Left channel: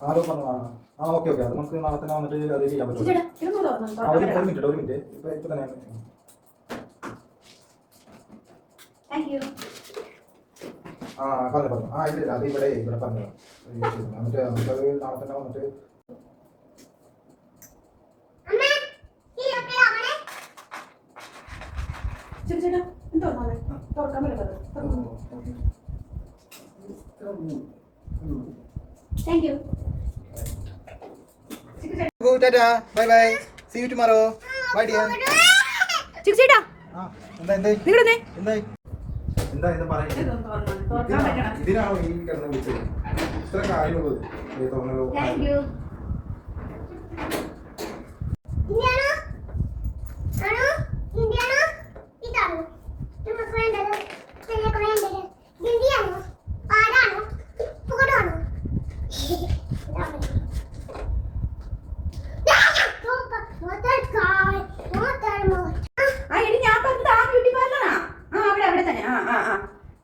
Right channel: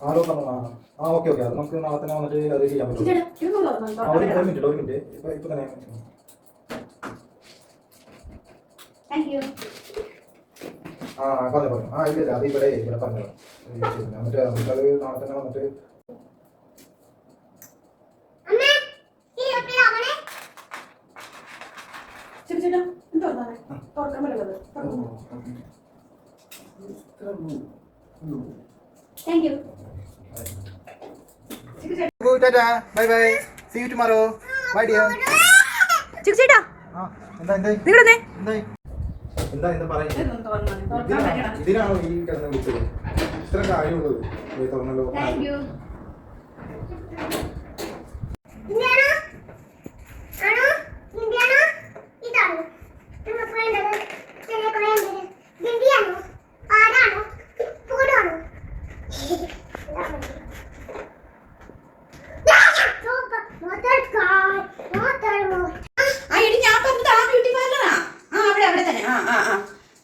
ആരോ പറഞ്ഞു. ആ okay okay, അത് നമുക്ക് നാളെ തന്നെ വന്നിട്ട് അത് ചെയ്യാൻ പറ്റും. ഒരു മിനിറ്റ് ഇപ്പൊ തന്നെ. ആ പറഞ്ഞു. ആ ഇല്ല അത് ഇവിടെ പറഞ്ഞു. എന്നിട്ട് നമുക്കത് നാളെ തന്നെ വന്നിട്ട് bye bye, see you tomorrow. Bye dear. ചിക്കുചേട്ടാ എന്താ പറയുന്നത്? ഇതിനാണോ ഈ കിടന്ന് വിളിച്ചത്? ഇത്ര കാര്യമുള്ളത് തുറന്നല്ലോ.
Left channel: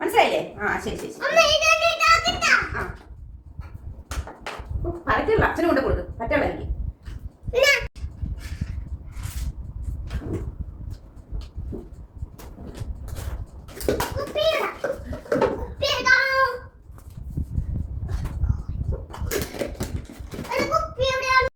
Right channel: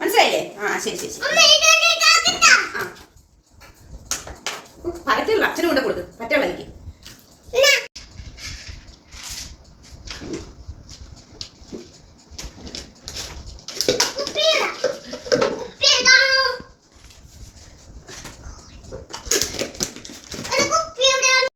മനസ്സിലായില്ലേ? ആ ശരി ശരി. പരത്തില്ല, അച്ഛനും കൊണ്ട് കൊടുക്കും. പറ്റുള്ള എനിക്ക്.